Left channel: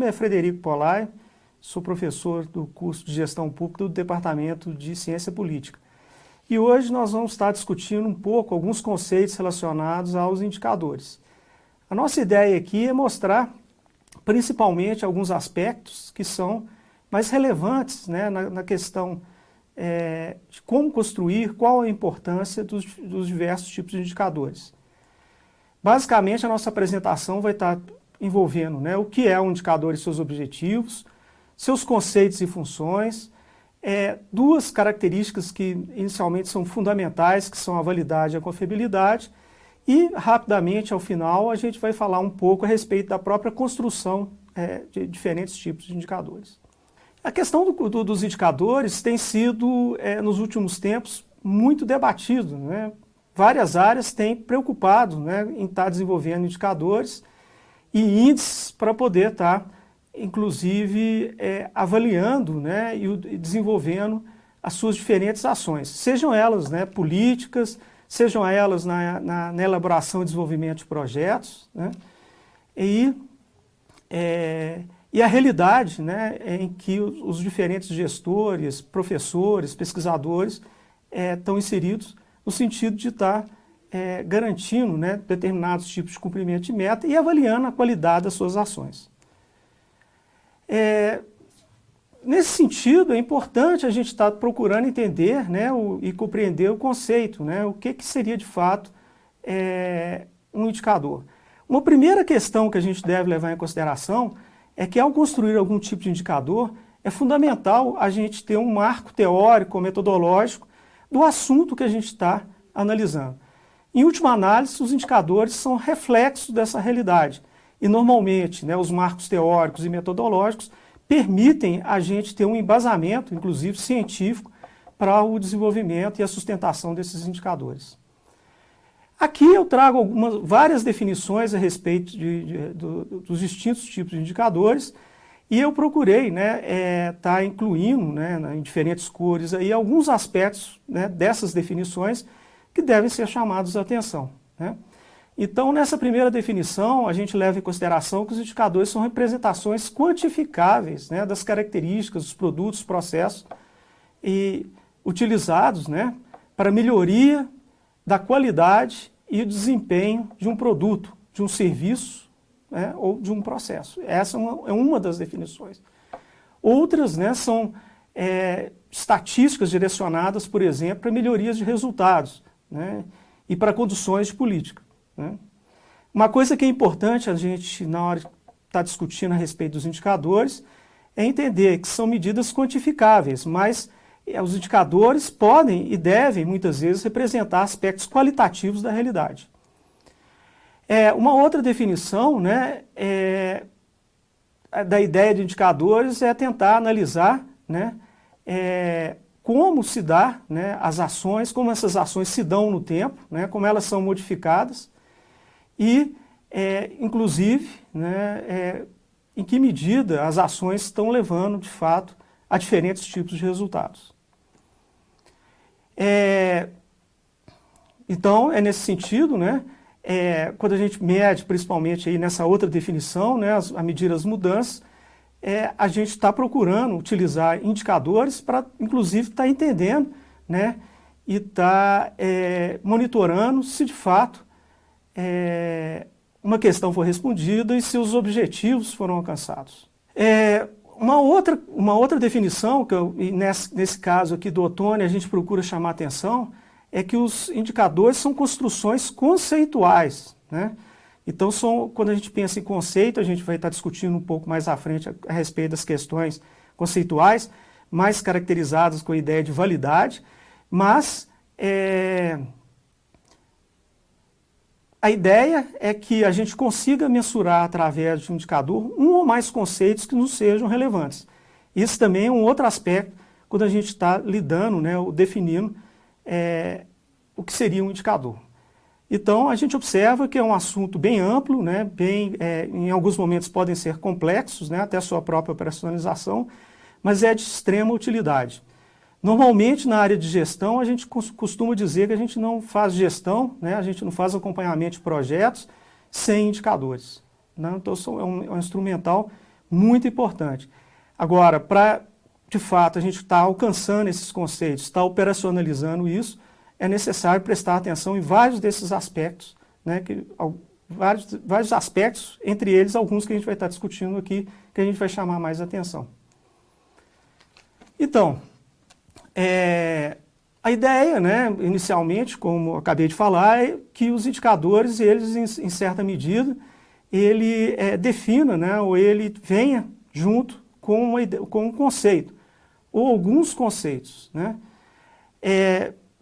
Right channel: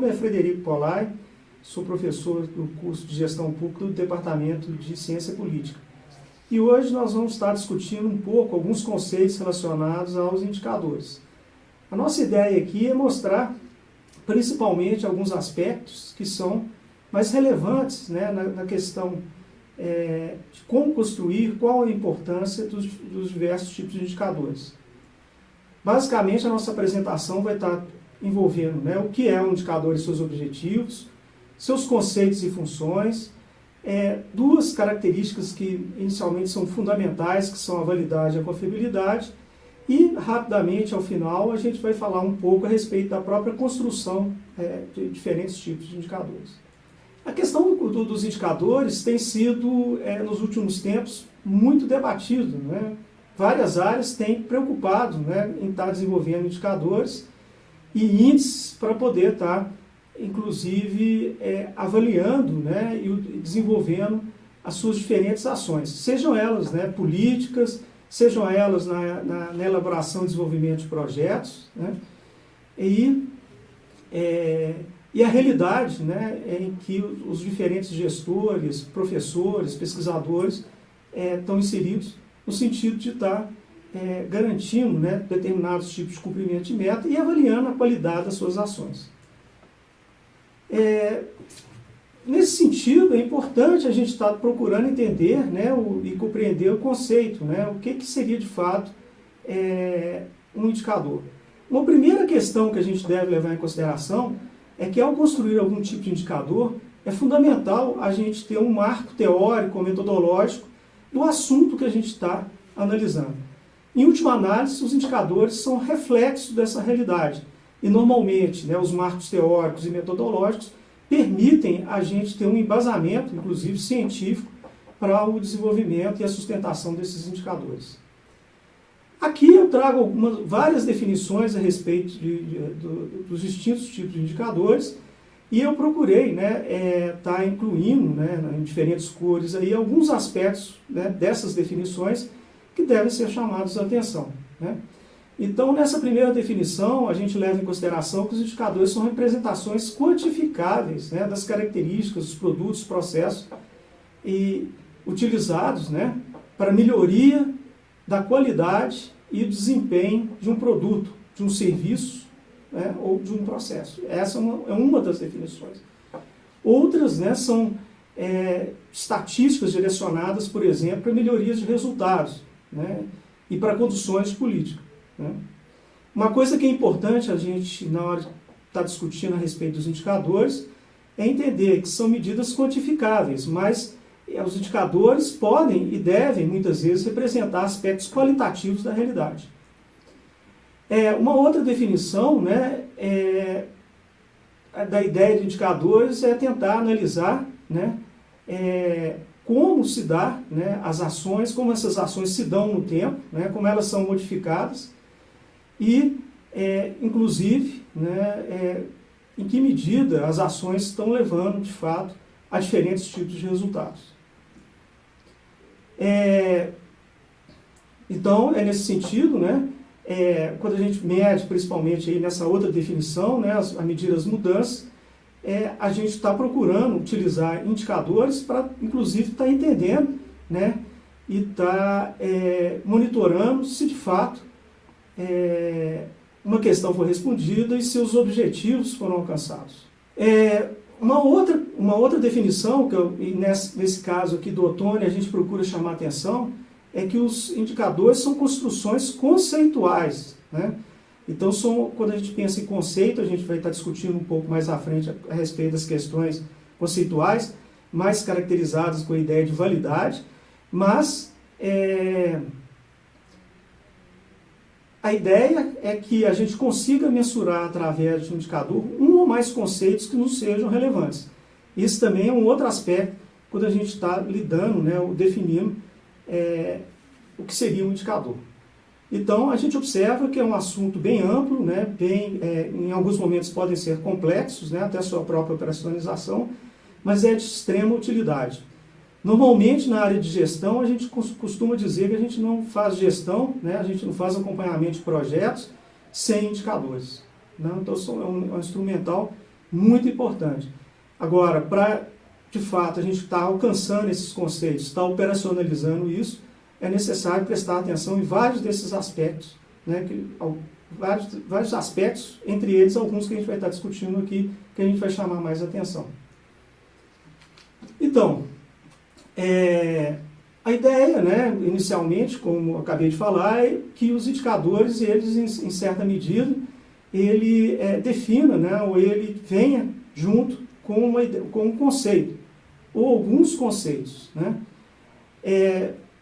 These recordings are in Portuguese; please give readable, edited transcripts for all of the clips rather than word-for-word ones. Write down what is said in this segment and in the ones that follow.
nome é Frederico Polai, sou professor do curso de Gestão Pública do Departamento de Ciência Política. E hoje nós vamos estar discutindo um pouco alguns conceitos relacionados aos indicadores. A nossa ideia aqui é mostrar principalmente alguns aspectos que são mais relevantes, né, na questão de como construir, qual a importância dos diversos tipos de indicadores. Basicamente, a nossa apresentação vai estar envolvendo, né, o que é um indicador e seus objetivos, seus conceitos e funções, duas características que inicialmente são fundamentais, que são a validade e a confiabilidade, e rapidamente, ao final, a gente vai falar um pouco a respeito da própria construção de diferentes tipos de indicadores. A questão dos indicadores tem sido, nos últimos tempos, muito debatido, né? Várias áreas têm preocupado, né, em estar desenvolvendo indicadores e índices para poder estar, inclusive, avaliando, né, e desenvolvendo as suas diferentes ações, sejam elas, né, políticas, sejam elas na elaboração e desenvolvimento de projetos, né, e a realidade, né, em que os diferentes gestores, professores, pesquisadores estão inseridos no sentido de estar garantindo, né, determinados tipos de cumprimento de meta e avaliando a qualidade das suas ações. Nesse sentido, é importante a gente estar procurando entender, né, e compreender o conceito, né, o que seria de fato um indicador. Uma primeira questão que a gente deve levar em consideração é que ao construir algum tipo de indicador, é fundamental a gente ter um marco teórico ou metodológico do assunto que a gente está analisando. Em última análise, os indicadores são reflexos dessa realidade. E normalmente, né, os marcos teóricos e metodológicos permitem a gente ter um embasamento, inclusive científico, para o desenvolvimento e a sustentação desses indicadores. Aqui eu trago várias definições a respeito dos distintos tipos de indicadores e eu procurei, né, estar incluindo, né, em diferentes cores aí, alguns aspectos, né, dessas definições que devem ser chamados a atenção, né? Então, nessa primeira definição, a gente leva em consideração que os indicadores são representações quantificáveis, né, das características dos produtos, processos e utilizados, né, para melhoria da qualidade e desempenho de um produto, de um serviço, né, ou de um processo. Essa é uma das definições. Outras, né, são estatísticas direcionadas, por exemplo, para melhorias de resultados, né, e para conduções de política, né. Uma coisa que é importante a gente, na hora de estar discutindo a respeito dos indicadores, é entender que são medidas quantificáveis, mas os indicadores podem e devem, muitas vezes, representar aspectos qualitativos da realidade. Uma outra definição, né, da ideia de indicadores é tentar analisar, né, como se dá, né, as ações, como essas ações se dão no tempo, né, como elas são modificadas e, inclusive, né, em que medida as ações estão levando, de fato, a diferentes tipos de resultados. Então, nesse sentido, né, quando a gente mede, principalmente aí nessa outra definição, né, a medir as mudanças, a gente está procurando utilizar indicadores para, inclusive, estar entendendo, né, e estar monitorando se, de fato, uma questão foi respondida e se os objetivos foram alcançados. Uma outra definição, e nesse caso aqui do Ottoni, a gente procura chamar atenção, é que os indicadores são construções conceituais, né? Então, quando a gente pensa em conceito, a gente vai estar discutindo um pouco mais à frente a respeito das questões conceituais, mais caracterizadas com a ideia de validade, mas a ideia é que a gente consiga mensurar através de um indicador um ou mais conceitos que nos sejam relevantes. Isso também é um outro aspecto quando a gente está lidando, né, ou definindo o que seria um indicador. Então, a gente observa que é um assunto bem amplo, né, em alguns momentos podem ser complexos, né, até a sua própria operacionalização, mas é de extrema utilidade. Normalmente, na área de gestão, a gente costuma dizer que a gente não faz gestão, né, a gente não faz acompanhamento de projetos sem indicadores, né? Então, é um instrumental Muito importante. Agora, para, de fato, a gente estar alcançando esses conceitos, estar operacionalizando isso, é necessário prestar atenção em vários desses aspectos, né, vários aspectos, entre eles alguns que a gente vai estar discutindo aqui, que a gente vai chamar mais atenção. Então, a ideia, né, inicialmente, como eu acabei de falar, é que os indicadores, eles, em certa medida, ele defina, né, ou ele venha junto com um conceito, ou alguns conceitos. Né?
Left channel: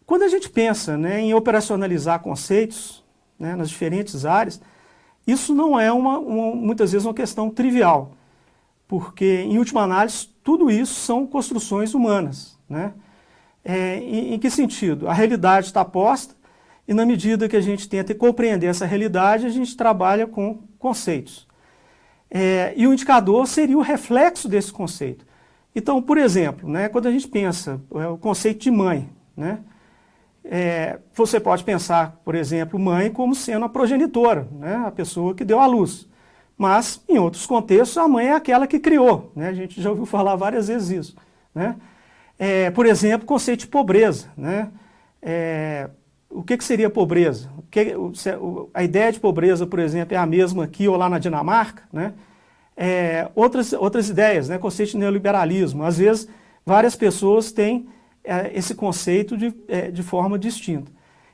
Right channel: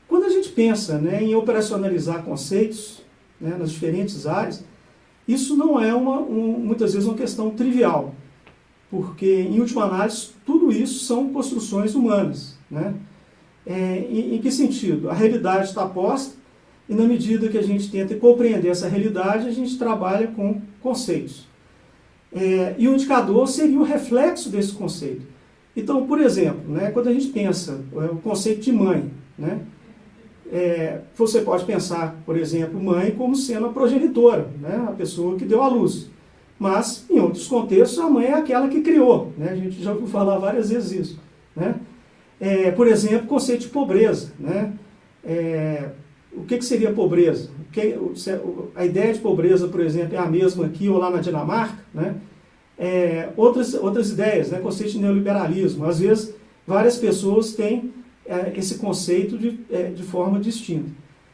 Quando a gente pensa, né, em operacionalizar conceitos, né, nas diferentes áreas, isso não é muitas vezes uma questão trivial, porque, em última análise, tudo isso são construções humanas. Né? Em que sentido? A realidade está posta, e na medida que a gente tenta compreender essa realidade, a gente trabalha com conceitos. E o indicador seria o reflexo desse conceito. Então, por exemplo, né, quando a gente pensa o conceito de mãe, né, você pode pensar, por exemplo, mãe como sendo a progenitora, né, a pessoa que deu à luz. Mas, em outros contextos, a mãe é aquela que criou. Né, a gente já ouviu falar várias vezes isso. Né. Por exemplo, o conceito de pobreza. Né, o que seria pobreza? A ideia de pobreza, por exemplo, é a mesma aqui ou lá na Dinamarca? Né? Outras ideias, né? Conceito de neoliberalismo. Às vezes, várias pessoas têm esse conceito de forma distinta.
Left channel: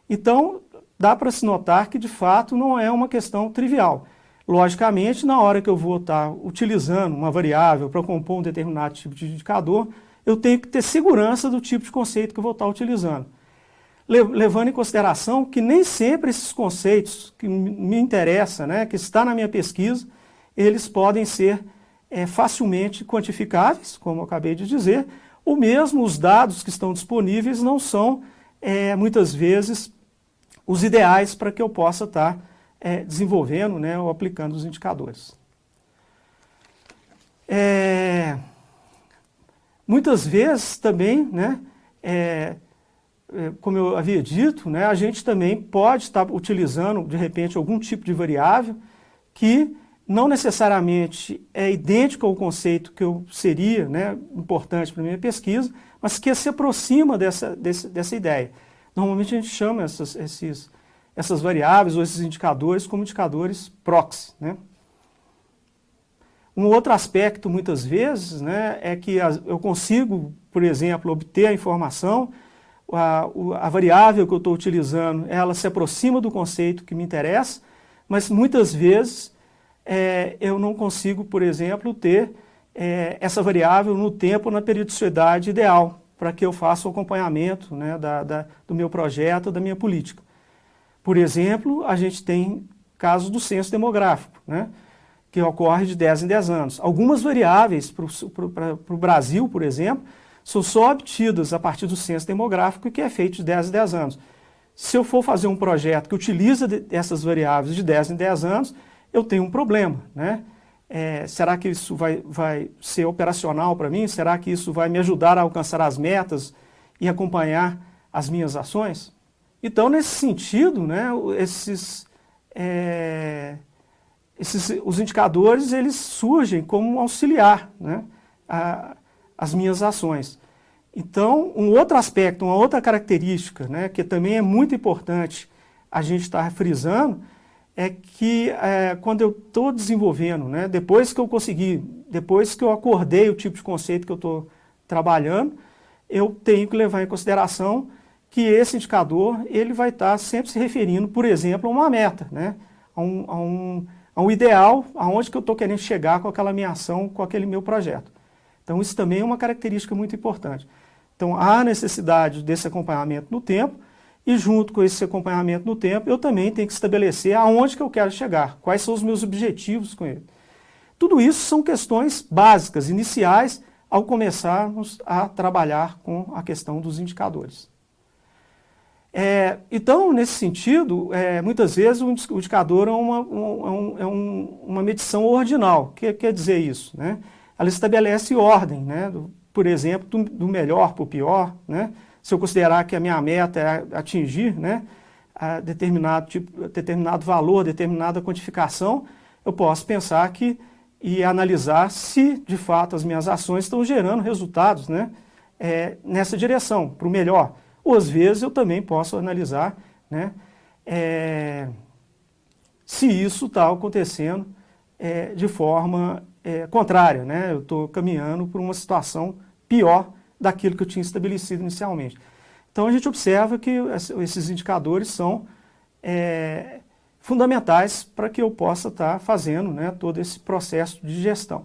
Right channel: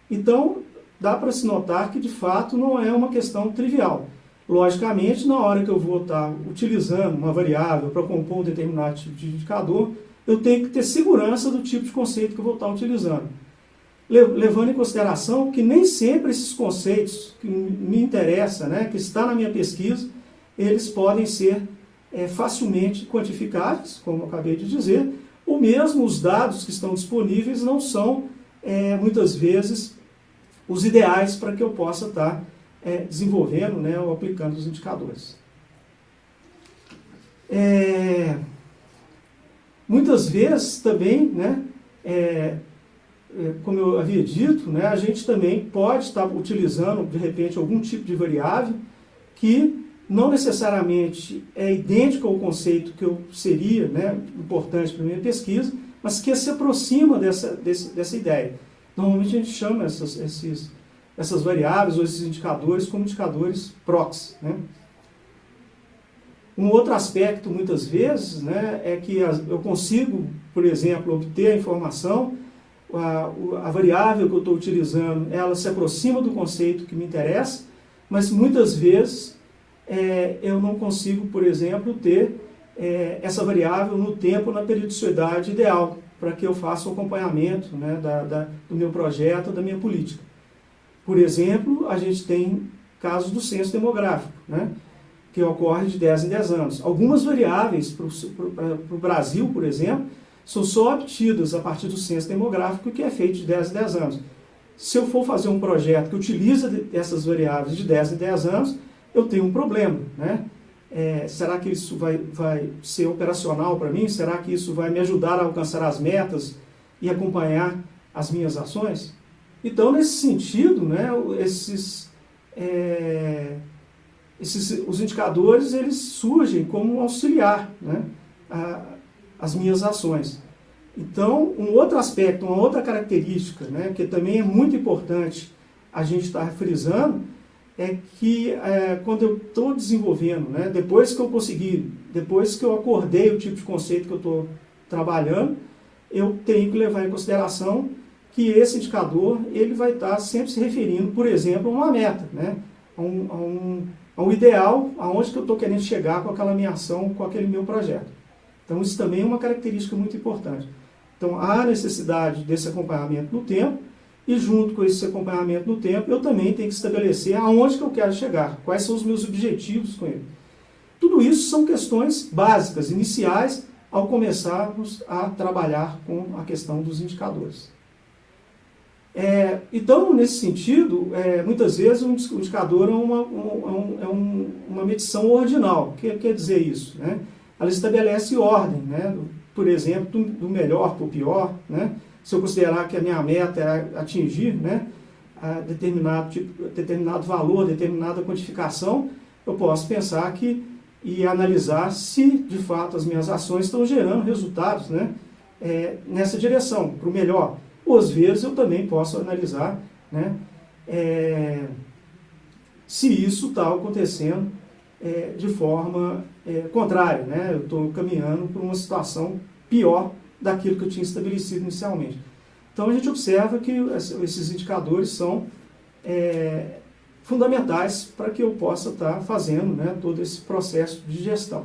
Então, dá para se notar que, de fato, não é uma questão trivial. Logicamente, na hora que eu vou estar utilizando uma variável para compor um determinado tipo de indicador, eu tenho que ter segurança do tipo de conceito que eu vou estar utilizando. Levando em consideração que nem sempre esses conceitos que me interessam, né, que está na minha pesquisa, eles podem ser facilmente quantificáveis, como eu acabei de dizer, ou mesmo os dados que estão disponíveis não são, muitas vezes, os ideais para que eu possa estar desenvolvendo, né, ou aplicando os indicadores. Muitas vezes também, né, como eu havia dito, né, a gente também pode estar utilizando, de repente, algum tipo de variável que não necessariamente é idêntico ao conceito que seria, né, importante para a minha pesquisa, mas que se aproxima dessa ideia. Normalmente a gente chama essas variáveis ou esses indicadores como indicadores proxy. Né? Um outro aspecto, muitas vezes, né, é que eu consigo, por exemplo, obter a informação, a variável que eu estou utilizando, ela se aproxima do conceito que me interessa, mas muitas vezes eu não consigo, por exemplo, ter essa variável no tempo, na periodicidade ideal, para que eu faça o acompanhamento, né, do meu projeto, da minha política. Por exemplo, a gente tem casos do censo demográfico, né, que ocorre de 10 em 10 anos. Algumas variáveis para o Brasil, por exemplo, são só obtidas a partir do censo demográfico, que é feito de 10 em 10 anos. Se eu for fazer um projeto que utiliza essas variáveis de 10 em 10 anos, eu tenho um problema. Né? Será que isso vai ser operacional para mim? Será que isso vai me ajudar a alcançar as metas e acompanhar as minhas ações? Então, nesse sentido, né, os indicadores, eles surgem como um auxiliar, né, as minhas ações. Então, um outro aspecto, uma outra característica, né, que também é muito importante a gente estar frisando, é que quando eu estou desenvolvendo, né, depois que eu acordei o tipo de conceito que eu estou trabalhando, eu tenho que levar em consideração que esse indicador ele vai estar sempre se referindo, por exemplo, a uma meta, né, a um ideal, aonde que eu estou querendo chegar com aquela minha ação, com aquele meu projeto. Então, isso também é uma característica muito importante. Então, há necessidade desse acompanhamento no tempo, e junto com esse acompanhamento no tempo, eu também tenho que estabelecer aonde que eu quero chegar, quais são os meus objetivos com ele. Tudo isso são questões básicas, iniciais, ao começarmos a trabalhar com a questão dos indicadores. Então, nesse sentido, muitas vezes o indicador é uma medição ordinal. O que quer dizer isso? Né? Ela estabelece ordem, né? Por exemplo, do melhor para o pior. Né? Se eu considerar que a minha meta é atingir, né, determinado valor, determinada quantificação, eu posso pensar que e analisar se, de fato, as minhas ações estão gerando resultados, né, nessa direção, para o melhor. Ou, às vezes, eu também posso analisar, né, se isso está acontecendo de forma contrária, né, eu estou caminhando por uma situação pior daquilo que eu tinha estabelecido inicialmente. Então, a gente observa que esses indicadores são fundamentais para que eu possa estar fazendo, né, todo esse processo de gestão.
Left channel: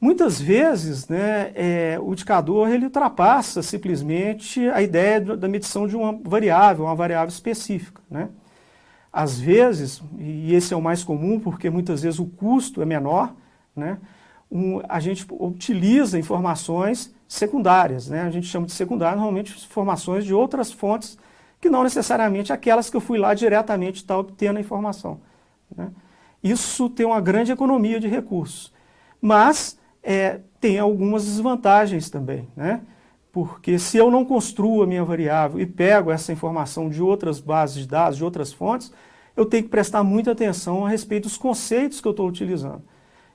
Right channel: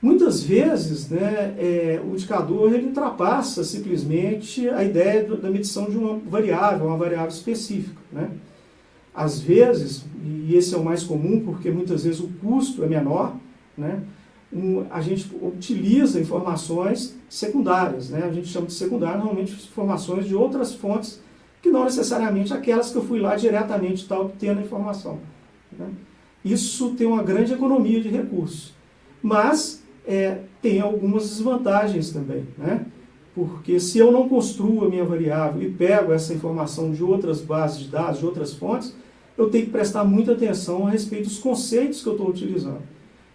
Muitas vezes, né, o indicador ele ultrapassa simplesmente a ideia da medição de uma variável específica, né? Às vezes, e esse é o mais comum porque muitas vezes o custo é menor, né, a gente utiliza informações secundárias, né? A gente chama de secundárias normalmente informações de outras fontes que não necessariamente aquelas que eu fui lá diretamente estar obtendo a informação, né? Isso tem uma grande economia de recursos, mas tem algumas desvantagens também, né? Porque se eu não construo a minha variável e pego essa informação de outras bases de dados, de outras fontes, eu tenho que prestar muita atenção a respeito dos conceitos que eu estou utilizando.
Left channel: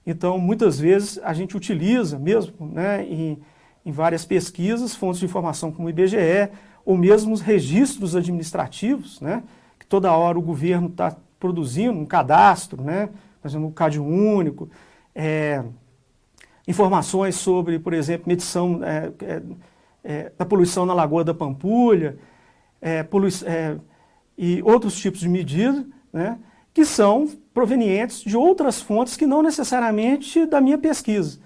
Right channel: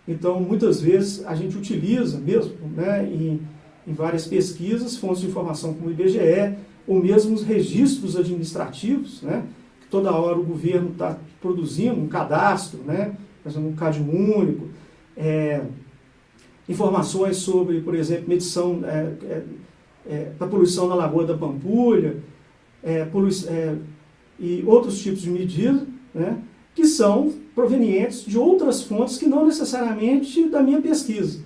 Então, muitas vezes, a gente utiliza mesmo, né, em várias pesquisas, fontes de informação como o IBGE, ou mesmo os registros administrativos, né, que toda hora o governo está produzindo um cadastro, né, fazendo um CAD único, informações sobre, por exemplo, medição da poluição na Lagoa da Pampulha, e outros tipos de medidas, né, que são provenientes de outras fontes que não necessariamente da minha pesquisa.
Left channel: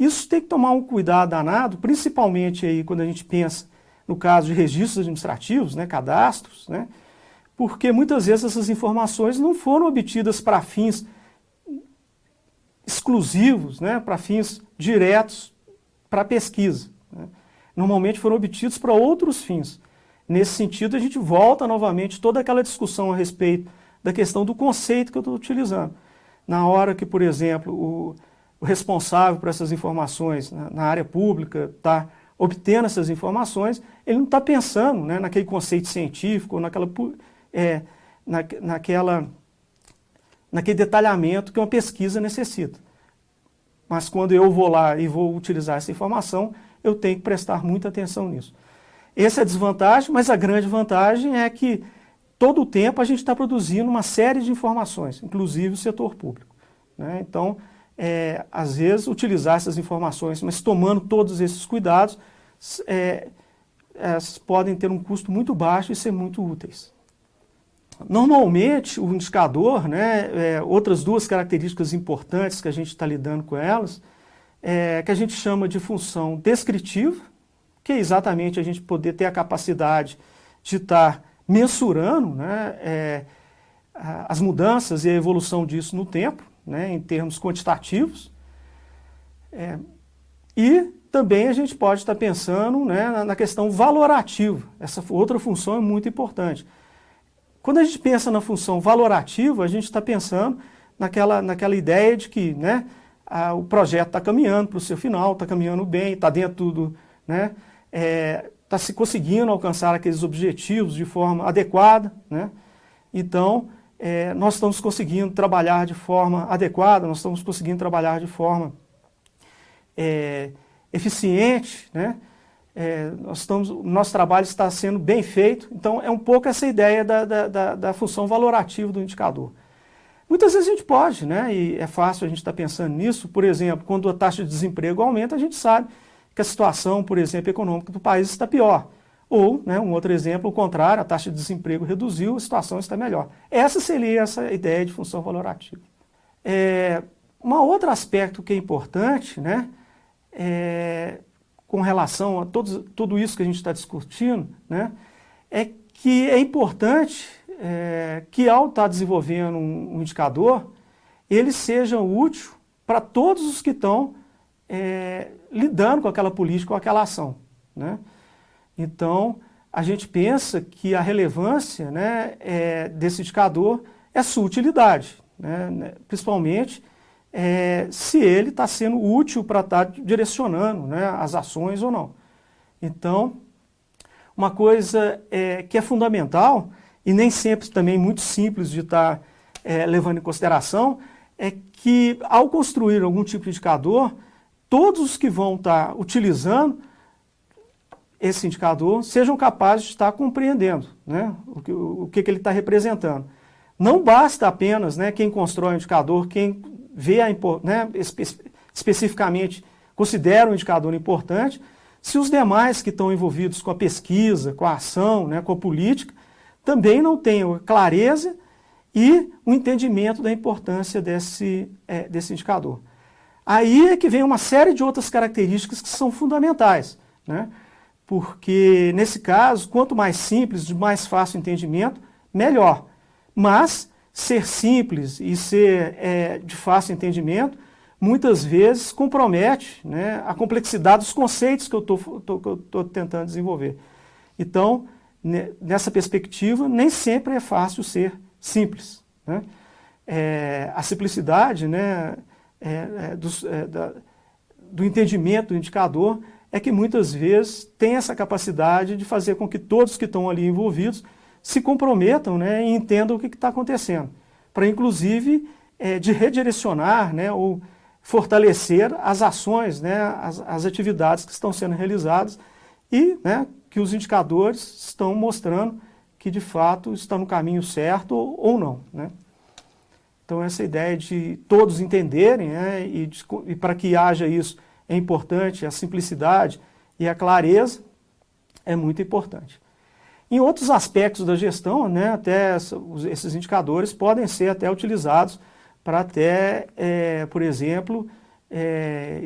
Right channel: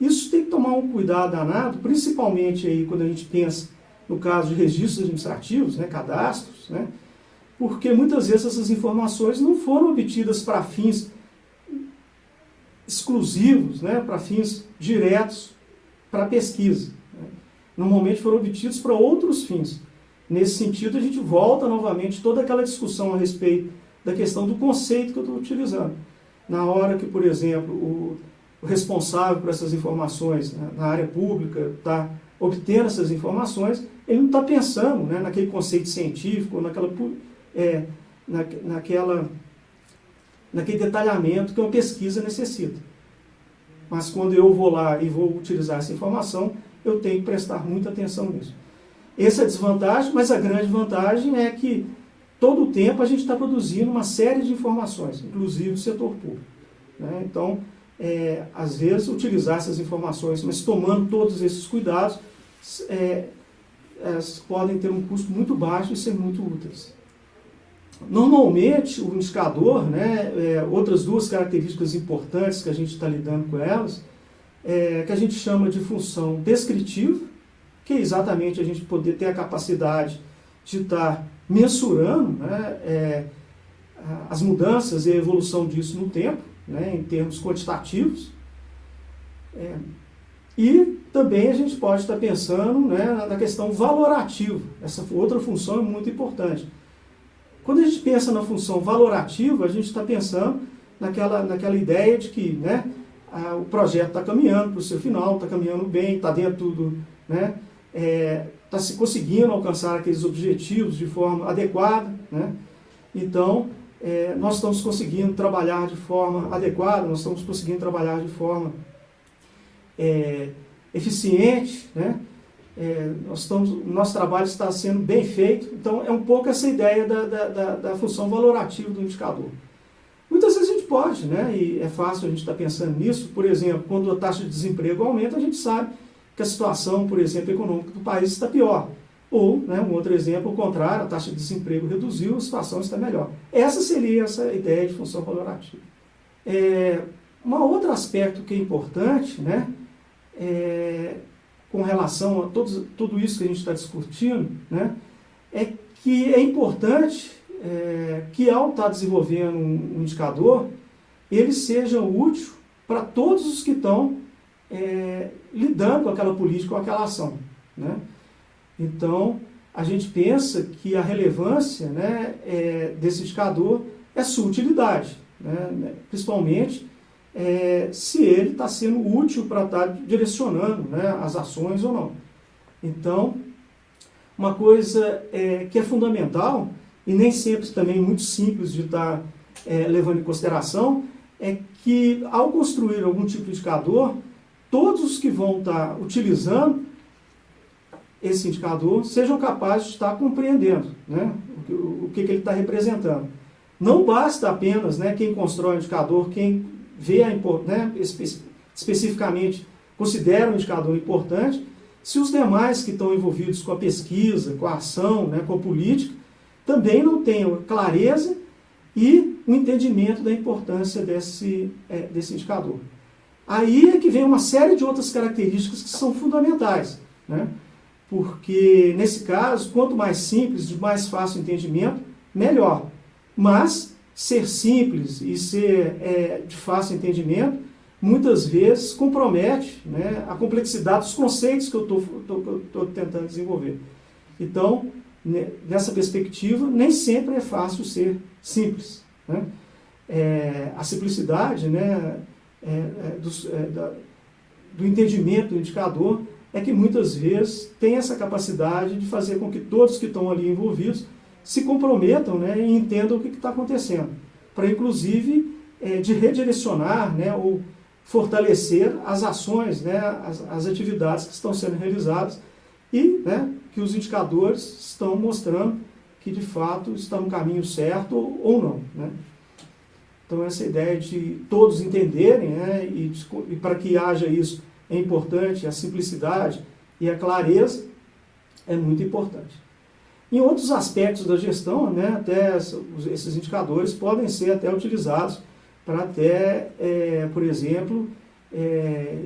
Isso tem que tomar um cuidado danado, principalmente aí quando a gente pensa no caso de registros administrativos, né, cadastros, né, porque muitas vezes essas informações não foram obtidas para fins exclusivos, né, para fins diretos para pesquisa, né. Normalmente foram obtidos para outros fins. Nesse sentido, a gente volta novamente toda aquela discussão a respeito da questão do conceito que eu estou utilizando. Na hora que, por exemplo, o responsável por essas informações na área pública está obtendo essas informações, ele não está pensando, né, naquele conceito científico, naquele detalhamento que uma pesquisa necessita. Mas quando eu vou lá e vou utilizar essa informação, eu tenho que prestar muita atenção nisso. Essa é a desvantagem, mas a grande vantagem é que todo o tempo a gente está produzindo uma série de informações, inclusive o setor público, né? Então, às vezes, utilizar essas informações, mas tomando todos esses cuidados, elas podem ter um custo muito baixo e ser muito úteis. Normalmente, o indicador, né, outras duas características importantes que a gente está lidando com elas, que a gente chama de função descritiva, que é exatamente a gente poder ter a capacidade de estar mensurando, né, as mudanças e a evolução disso no tempo, né, em termos quantitativos. E também a gente pode estar pensando, né, na questão valorativa. Essa outra função é muito importante. Quando a gente pensa na função valorativa, a gente está pensando naquela ideia de que, né, o projeto está caminhando para o seu final, está caminhando bem, está dentro do... né, está se conseguindo alcançar aqueles objetivos de forma adequada, né? Então, nós estamos conseguindo trabalhar de forma adequada, nós estamos conseguindo trabalhar de forma eficiente, né? Nosso trabalho está sendo bem feito, então é um pouco essa ideia da função valorativa do indicador. Muitas vezes a gente pode, né? E é fácil a gente estar pensando nisso, por exemplo, quando a taxa de desemprego aumenta, a gente sabe que a situação, por exemplo, econômica do país está pior. Ou, né, um outro exemplo, o contrário, a taxa de desemprego reduziu, a situação está melhor. Essa seria essa ideia de função valorativa. Um outro aspecto que é importante, né, com relação a tudo isso que a gente está discutindo, né, é que é importante que ao estar desenvolvendo um indicador, ele seja útil para todos os que estão lidando com aquela política, com aquela ação, né? Então, a gente pensa que a relevância, né, desse indicador é a sua utilidade, né? Principalmente se ele está sendo útil para estar direcionando, né, as ações ou não. Então, uma coisa que é fundamental e nem sempre também muito simples de estar levando em consideração é que, ao construir algum tipo de indicador, todos os que vão estar utilizando esse indicador sejam capazes de estar compreendendo, né, o que ele está representando. Não basta apenas, né, quem constrói o indicador, quem vê, né, especificamente considera o indicador importante, se os demais que estão envolvidos com a pesquisa, com a ação, né, com a política, também não tenham clareza e o entendimento da importância desse indicador. Aí é que vem uma série de outras características que são fundamentais, né? Porque, nesse caso, quanto mais simples, de mais fácil entendimento, melhor. Mas, ser simples e ser de fácil entendimento, muitas vezes compromete, né, a complexidade dos conceitos que eu estou tentando desenvolver. Então, nessa perspectiva, nem sempre é fácil ser simples, né? A simplicidade, né, do entendimento do indicador é que muitas vezes tem essa capacidade de fazer com que todos que estão ali envolvidos se comprometam, né, e entendam o que está acontecendo, para inclusive de redirecionar, né, ou fortalecer as ações, né, as atividades que estão sendo realizadas e, né, que os indicadores estão mostrando que de fato estão no caminho certo ou não, né? Então essa ideia de todos entenderem, né, e para que haja isso é importante a simplicidade e a clareza é muito importante. Em outros aspectos da gestão, né, até esses indicadores podem ser até utilizados para até, por exemplo,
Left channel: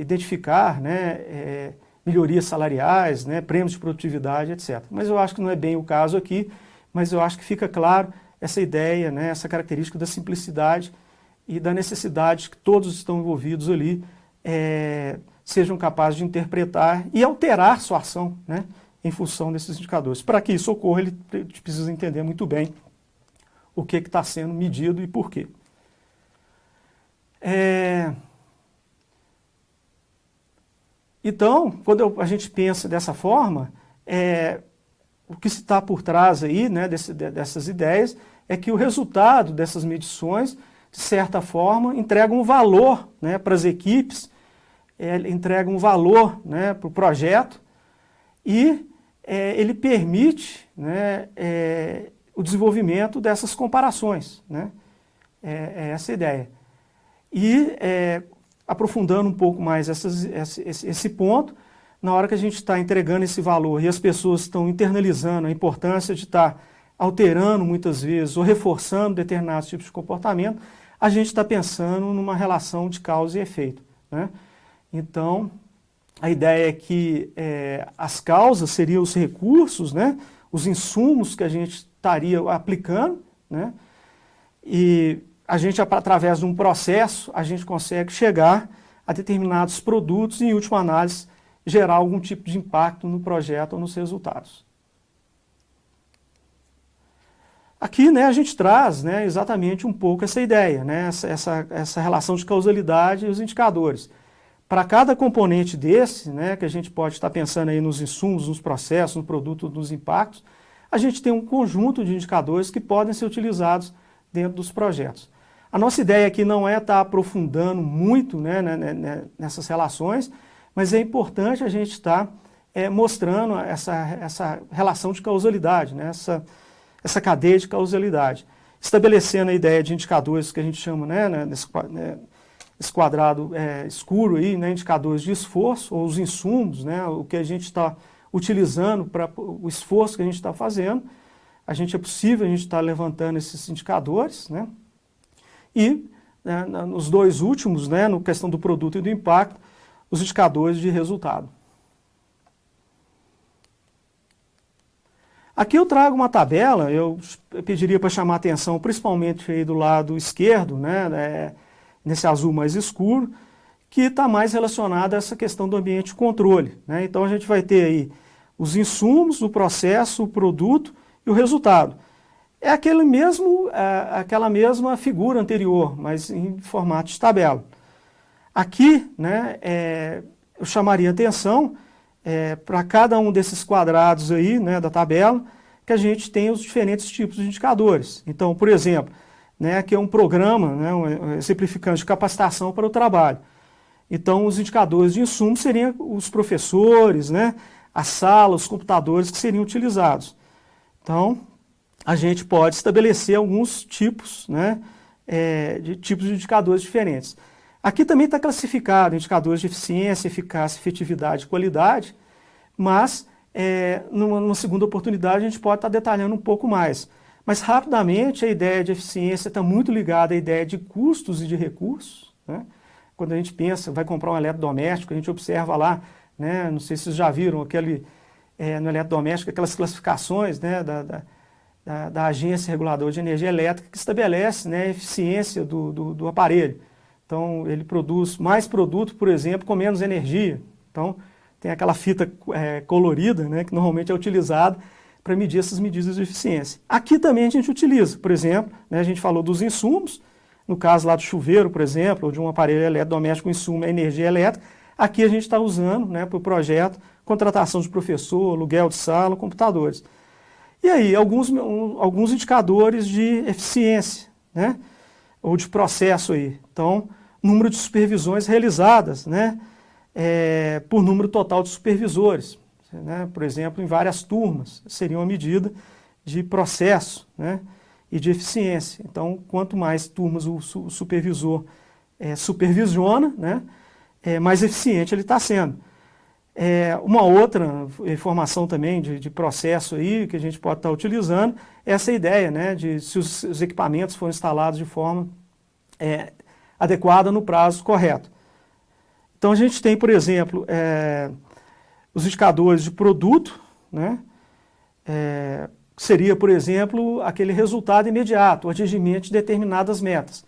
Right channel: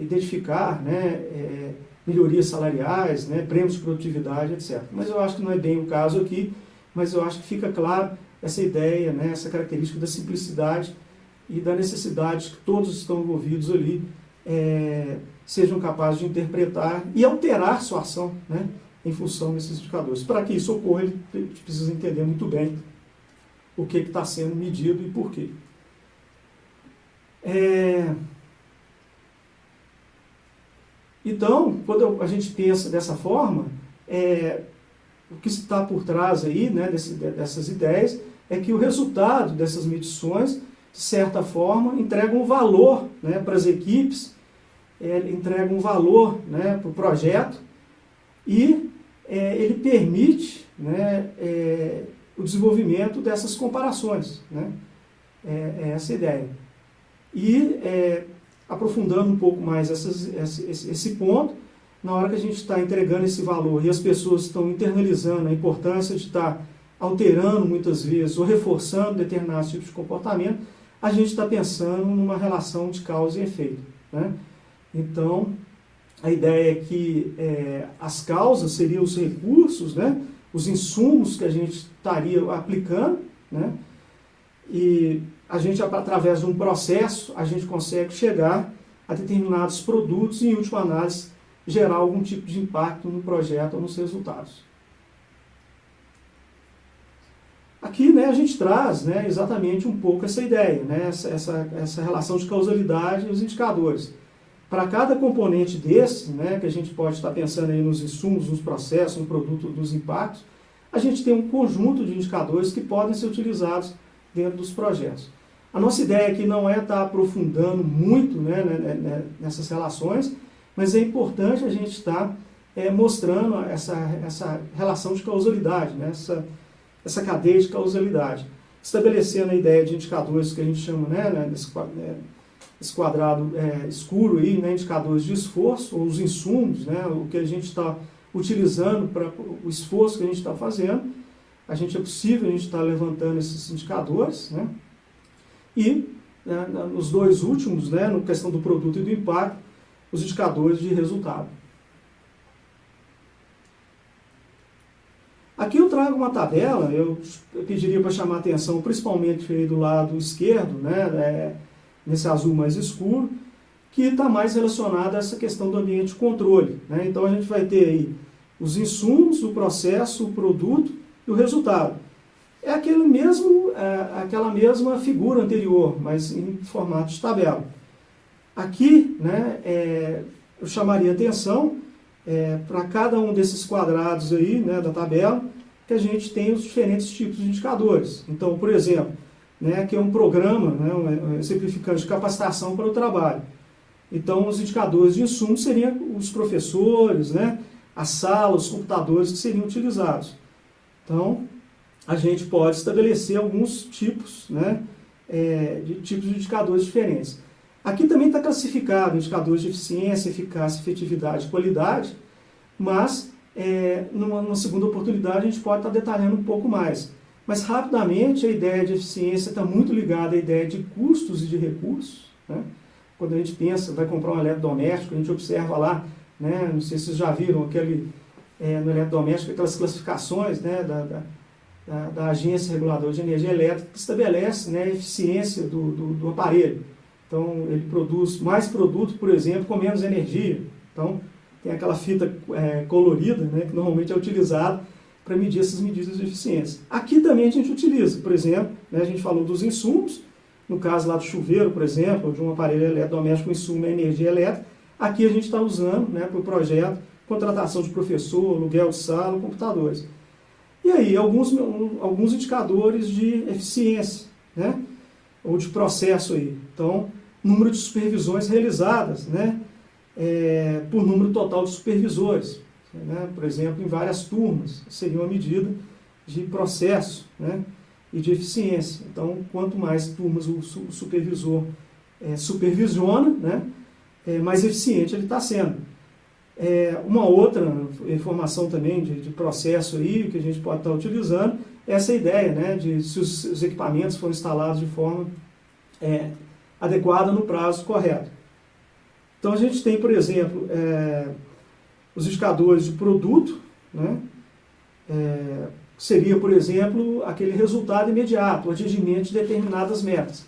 identificar, né, melhorias salariais, né, prêmios de produtividade, etc. Mas eu acho que não é bem o caso aqui, mas eu acho que fica claro essa ideia, né, essa característica da simplicidade e da necessidade que todos estão envolvidos ali sejam capazes de interpretar e alterar sua ação, né, em função desses indicadores. Para que isso ocorra, ele precisa entender muito bem o que está sendo medido e por quê. Então, quando a gente pensa dessa forma, o que está por trás aí, né, dessas ideias é que o resultado dessas medições, de certa forma, entrega um valor, né, para as equipes, entrega um valor, né, para o projeto e ele permite, né, o desenvolvimento dessas comparações, né? É essa a ideia. E aprofundando um pouco mais esse ponto, na hora que a gente está entregando esse valor e as pessoas estão internalizando a importância de estar alterando muitas vezes ou reforçando determinados tipos de comportamento, a gente está pensando numa relação de causa e efeito, né? Então, a ideia é que as causas seriam os recursos, né, os insumos que a gente estaria aplicando, né, e a gente, através de um processo, a gente consegue chegar a determinados produtos e, em última análise, gerar algum tipo de impacto no projeto ou nos resultados. Aqui, né, a gente traz, né, exatamente um pouco essa ideia, né, essa relação de causalidade e os indicadores. Para cada componente desse, né, que a gente pode estar pensando aí nos insumos, nos processos, no produto, nos impactos, a gente tem um conjunto de indicadores que podem ser utilizados dentro dos projetos. A nossa ideia aqui não é estar aprofundando muito, né, nessas relações, mas é importante a gente estar mostrando essa relação de causalidade, né, essa cadeia de causalidade, estabelecendo a ideia de indicadores que a gente chama, né, esse quadrado escuro aí, né, indicadores de esforço, ou os insumos, né, o que a gente está utilizando para o esforço que a gente está fazendo. É possível a gente estar levantando esses indicadores, né, e né, nos dois últimos, né, na questão do produto e do impacto, os indicadores de resultado. Aqui eu trago uma tabela, eu pediria para chamar a atenção principalmente aí do lado esquerdo, né, nesse azul mais escuro, que está mais relacionado a essa questão do ambiente de controle, né? Então a gente vai ter aí os insumos, o processo, o produto e o resultado. É aquela mesma figura anterior, mas em formato de tabela. Aqui, né, eu chamaria atenção para cada um desses quadrados aí, né, da tabela, que a gente tem os diferentes tipos de indicadores. Então, por exemplo, né, que é um programa, né, simplificando, de capacitação para o trabalho. Então, os indicadores de insumo seriam os professores, né, a sala, os computadores que seriam utilizados. Então, a gente pode estabelecer alguns tipos, né, de indicadores diferentes. Aqui também está classificado indicadores de eficiência, eficácia, efetividade e qualidade, mas numa segunda oportunidade a gente pode estar detalhando um pouco mais. Mas rapidamente a ideia de eficiência está muito ligada à ideia de custos e de recursos, né? Quando a gente pensa, vai comprar um eletrodoméstico, a gente observa lá, né, não sei se vocês já viram no eletrodoméstico, aquelas classificações, né, da Agência Reguladora de Energia Elétrica, que estabelece, né, a eficiência do aparelho. Então, ele produz mais produto, por exemplo, com menos energia. Então, tem aquela fita colorida, né, que normalmente é utilizada para medir essas medidas de eficiência. Aqui também a gente utiliza, por exemplo, né, a gente falou dos insumos, no caso lá do chuveiro, por exemplo, ou de um aparelho eletrodoméstico, o insumo é energia elétrica. Aqui a gente está usando, né, para o projeto, contratação de professor, aluguel de sala, computadores. E aí, alguns indicadores de eficiência, né, ou de processo aí. Então, número de supervisões realizadas, né, por número total de supervisores, né, por exemplo, em várias turmas, seria uma medida de processo, né, e de eficiência. Então, quanto mais turmas o supervisor supervisiona, né, mais eficiente ele está sendo. Uma outra informação também de processo aí, que a gente pode estar utilizando, é essa ideia, né, de se os equipamentos foram instalados de forma adequada no prazo correto. Então, a gente tem, por exemplo, os indicadores de produto, né, seria, por exemplo, aquele resultado imediato, o atingimento de determinadas metas.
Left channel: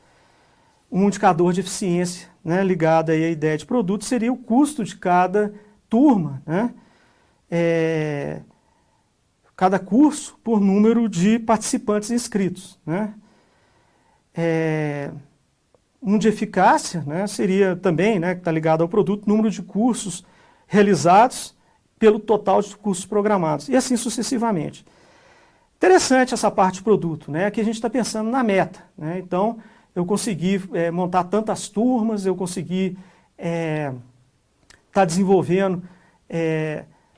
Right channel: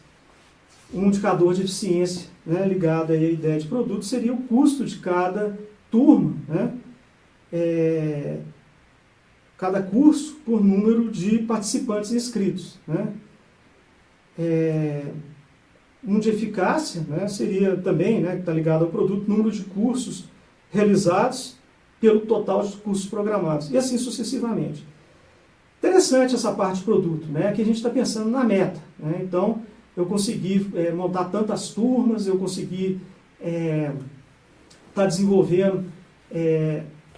Um indicador de eficiência, né, ligado aí à ideia de produto seria o custo de cada turma, né, cada curso por número de participantes inscritos, né. Um de eficácia, né, seria também, né, que está ligado ao produto, número de cursos realizados pelo total de cursos programados, e assim sucessivamente. Interessante essa parte de produto, né? Aqui a gente está pensando na meta, né? Então, eu consegui montar tantas turmas, eu consegui estar desenvolvendo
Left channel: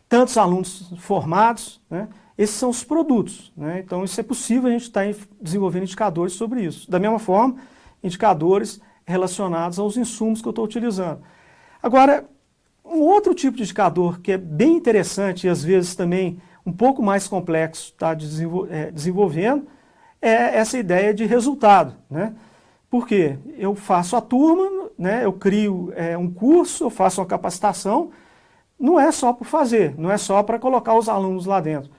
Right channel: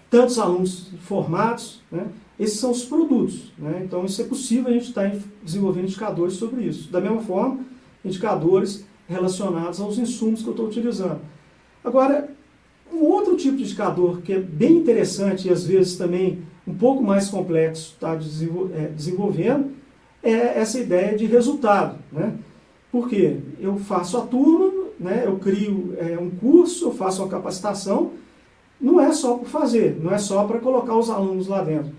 tantos alunos formados, né? Esses são os produtos, né? Então, isso é possível a gente estar desenvolvendo indicadores sobre isso. Da mesma forma, indicadores relacionados aos insumos que eu estou utilizando. Agora, um outro tipo de indicador que é bem interessante e às vezes também um pouco mais complexo está desenvolvendo é essa ideia de resultado, né? Porque eu faço a turma, né, eu crio um curso, eu faço uma capacitação, não é só por fazer, não é só para colocar os alunos lá dentro.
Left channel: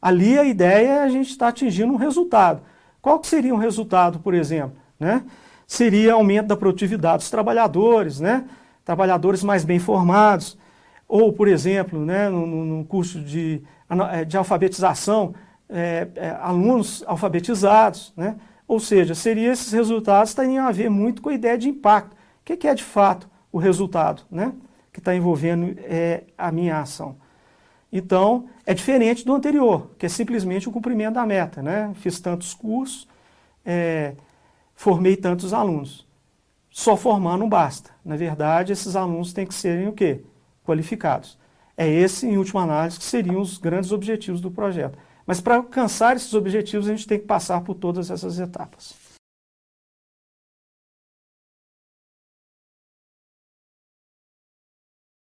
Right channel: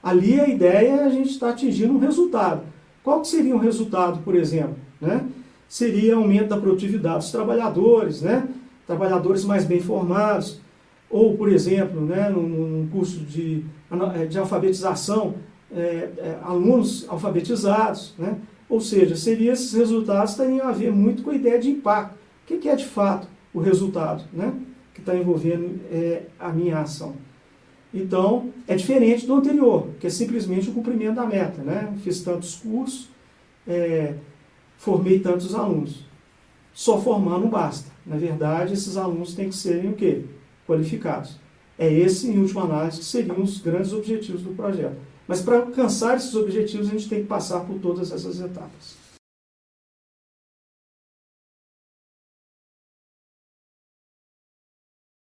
Ali a ideia é a gente estar atingindo um resultado. Qual que seria um resultado, por exemplo? Né? Seria aumento da produtividade dos trabalhadores, né? Trabalhadores mais bem formados, ou, por exemplo, né, num curso de alfabetização, alunos alfabetizados, né? Ou seja, esses resultados teriam a ver muito com a ideia de impacto. O que é de fato o resultado, né, que está envolvendo a minha ação? Então, é diferente do anterior, que é simplesmente o cumprimento da meta, né? Fiz tantos cursos, formei tantos alunos. Só formar não basta. Na verdade, esses alunos têm que serem o quê? Qualificados. Esse, em última análise, que seriam os grandes objetivos do projeto. Mas para alcançar esses objetivos, a gente tem que passar por todas essas etapas.